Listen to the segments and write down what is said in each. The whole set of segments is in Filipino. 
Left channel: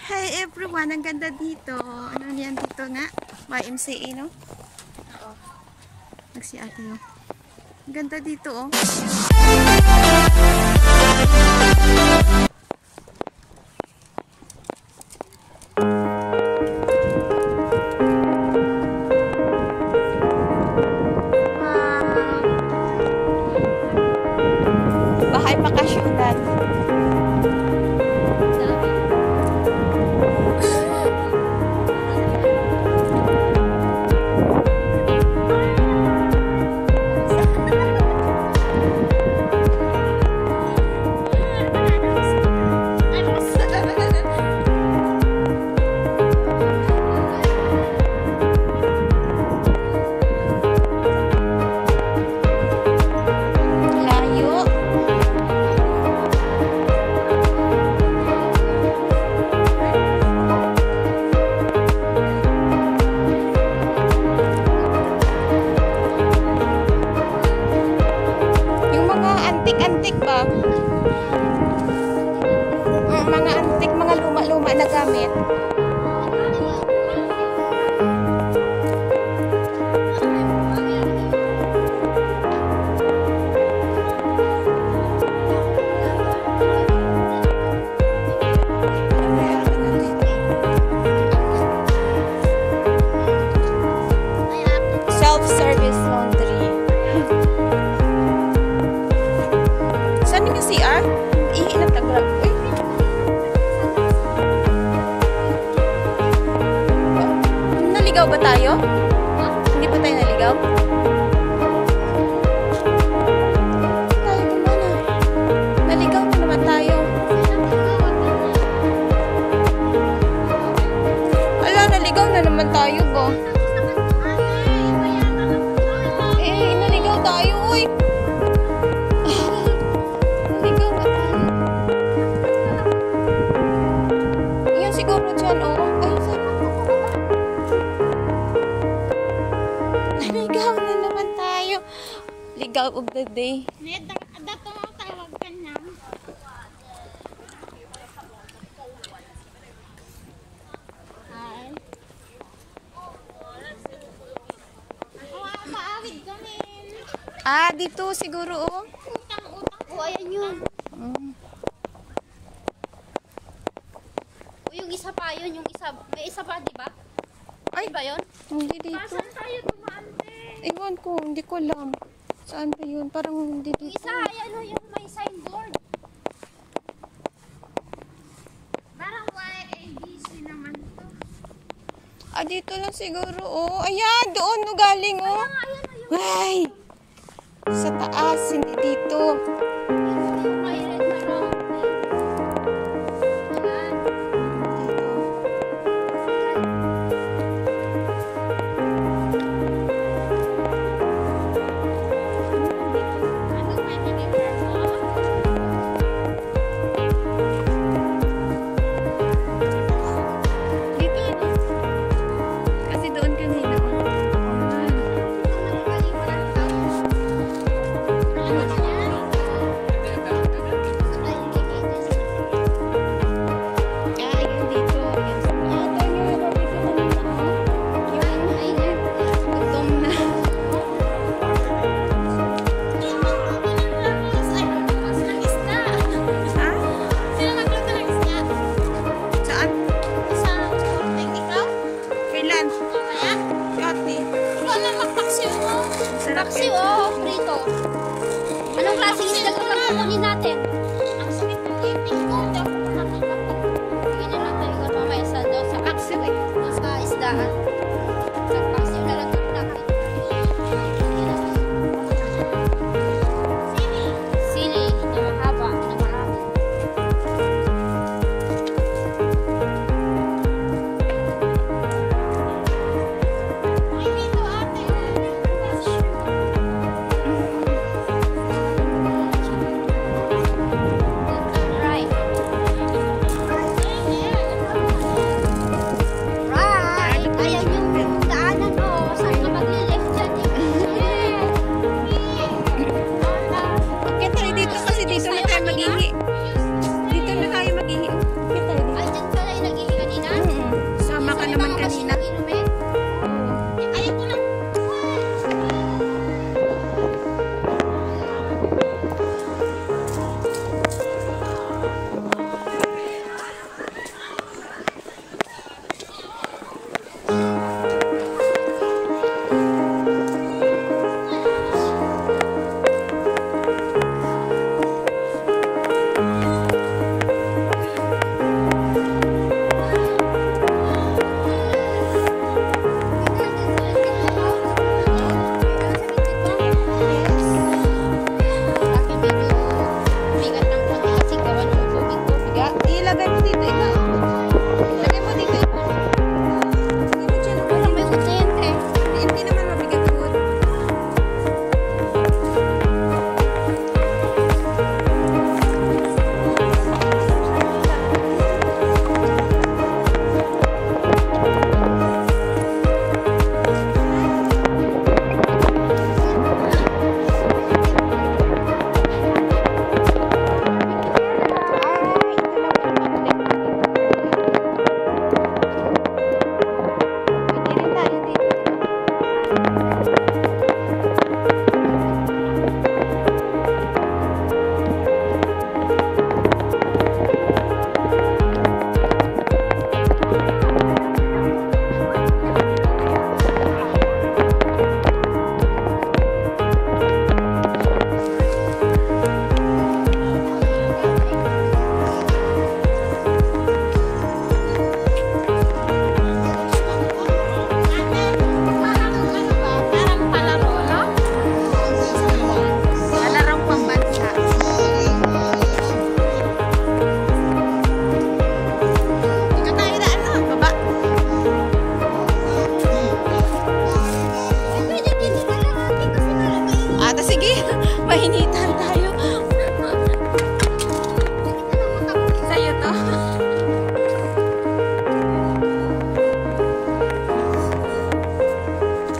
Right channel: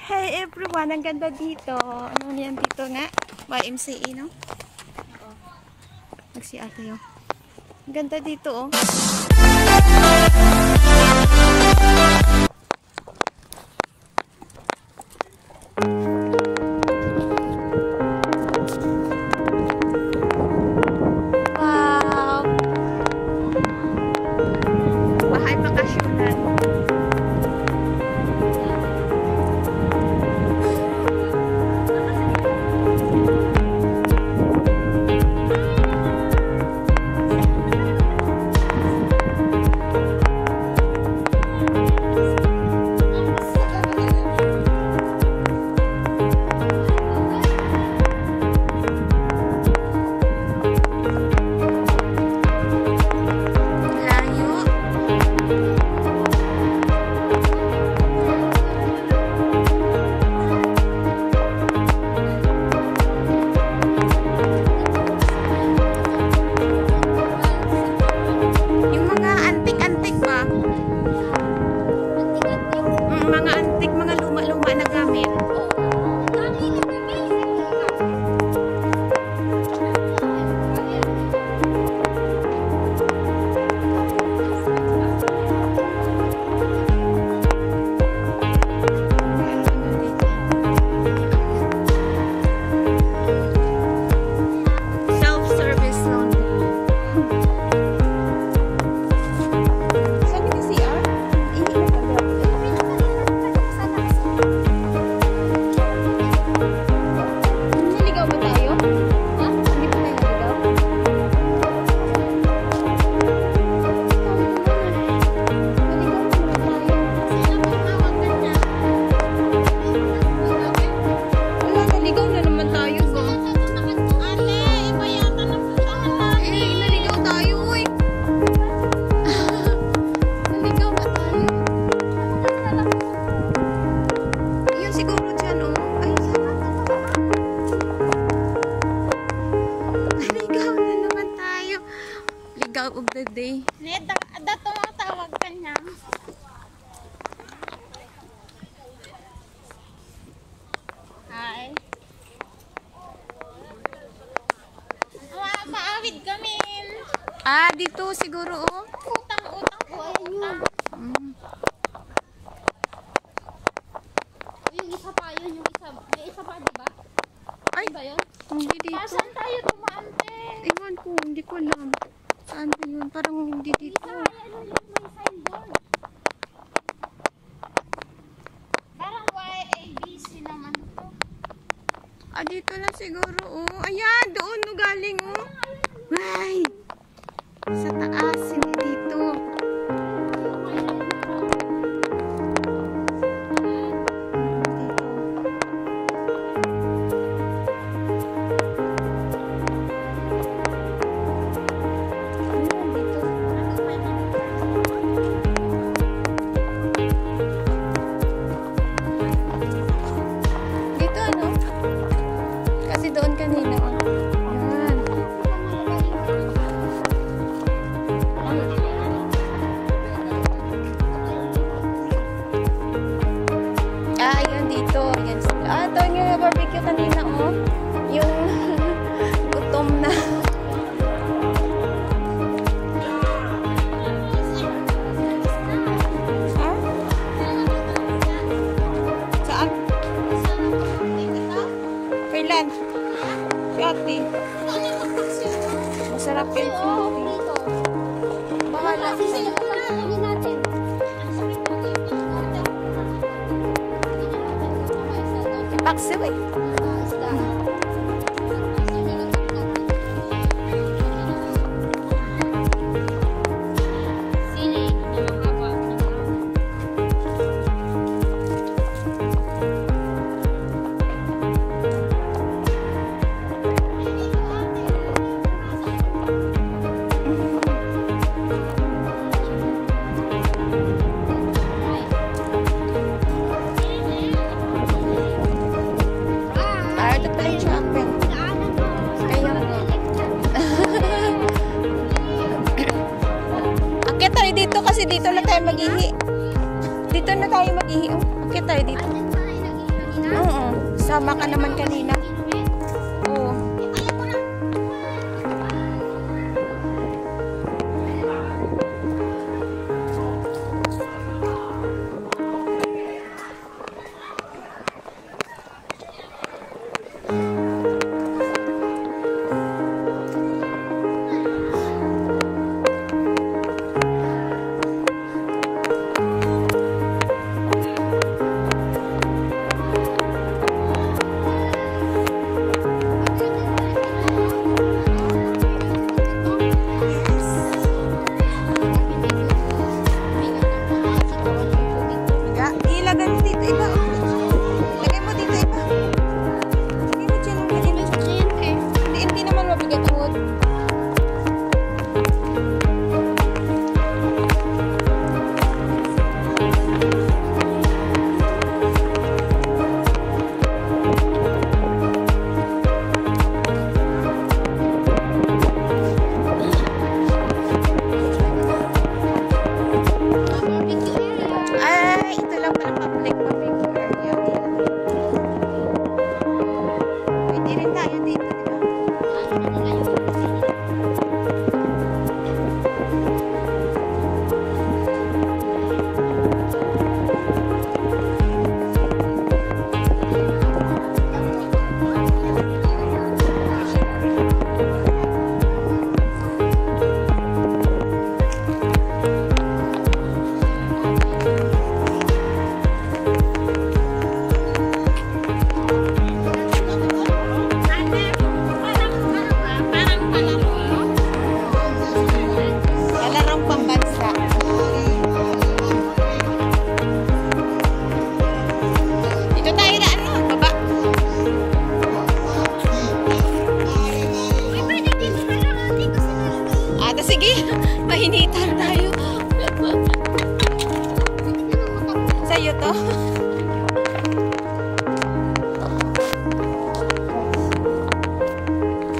Hey everyone, ang ganda dito. Ano yan dito nga? YMCA, no? Nag-CR tayo. Ang ganda dito, oh. Wow! Bahay bakasyonan. Antik ba? Mga antik, mga luma-luma na gamit. Self-service laundry. Ligaw of the day. Dato mga tawag ka niya. Ay. Maawid kami. Ah, dito siguro, oh. Utang ko, ayan yun. Yung isa pa yun, may isa pa, di ba? Ay, ba yun? hindi dito. Saan tayo tumante? Ewan ko, hindi ko alam. Saan ba yun? Parang hindi dito. Isa, ayan o yung may signboard. Parang YABC naman to. Ah, dito lang siguro, oh. Ayan, doon, no, galing, oh. Ay! Sa taas, hindi dito. sa'yo to.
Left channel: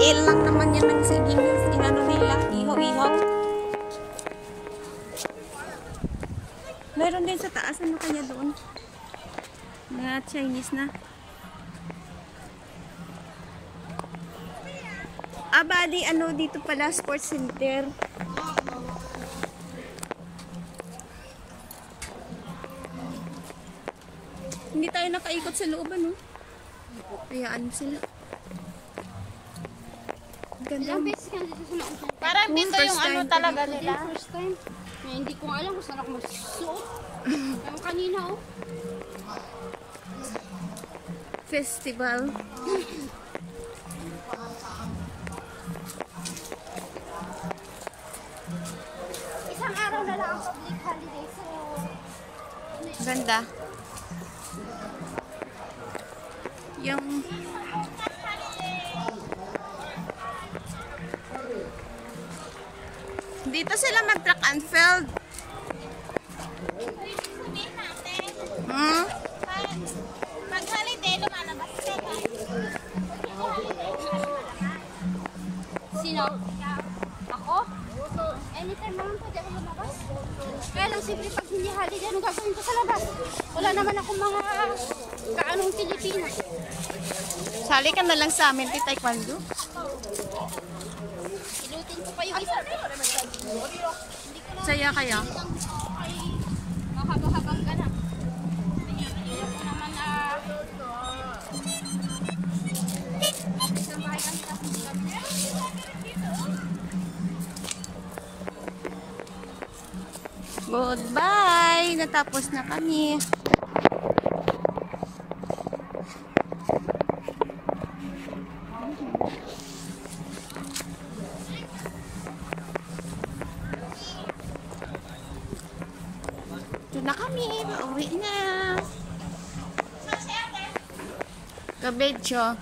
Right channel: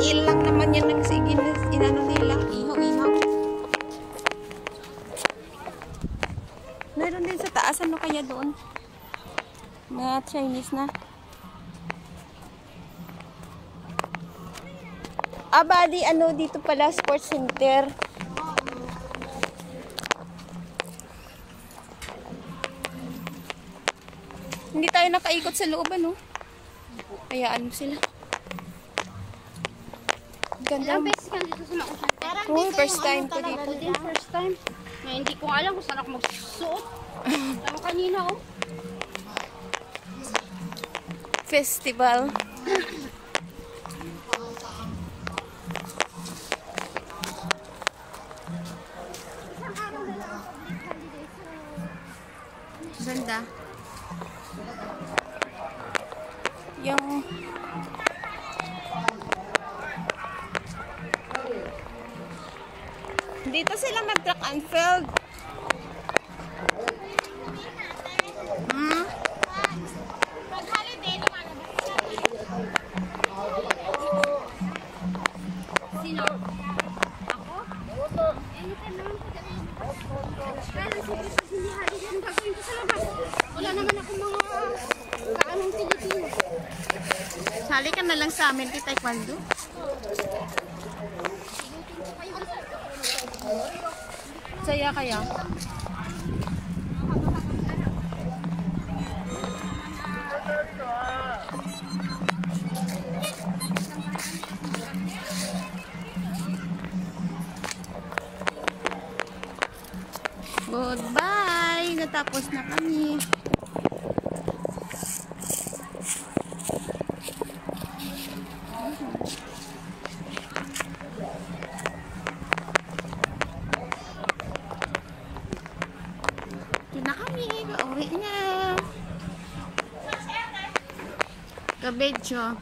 Ilang naman yan ng sige inano nila. Ihaw-ihaw. Meron din sa taas. Ano kaya doon? Mga Chinese na. Bali, ano dito pala, sports center. Hindi tayo nakaikot sa loob, ano? Hayaan mo sila. Ganda. Ilang beses ka dito sa Lausan? Parang Oh, dito first yung time ano ko talaga dito. nila. First time. Na hindi ko alam kung saan ako magsuot. Ano kanina oh. Festival. Isang araw na lang sa Black Holiday. So, Ganda. Yung dito sila mag-track and field. pag holiday, lumalabas ka. Sino? Ako? Anytime naman po dahil lumabas. Kaya lang siyempre pag hindi holiday, anong gagawin ko sa labas? Wala naman akong mga kaanong Pilipino. Sali ka na lang sa amin, taekwondo. Ilutin ko pa yung isa. Saya kaya. Mahaba-habang ka na. Ayoko naman na... Goodbye! Natapos na kami. Ito na kami. Pauwi na. Kabedyo.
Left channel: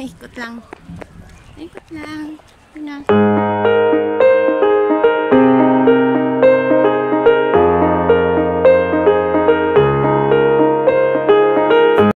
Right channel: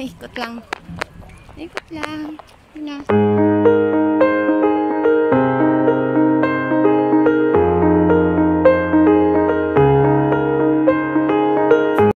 Ikot lang. Ikot lang. Yun na.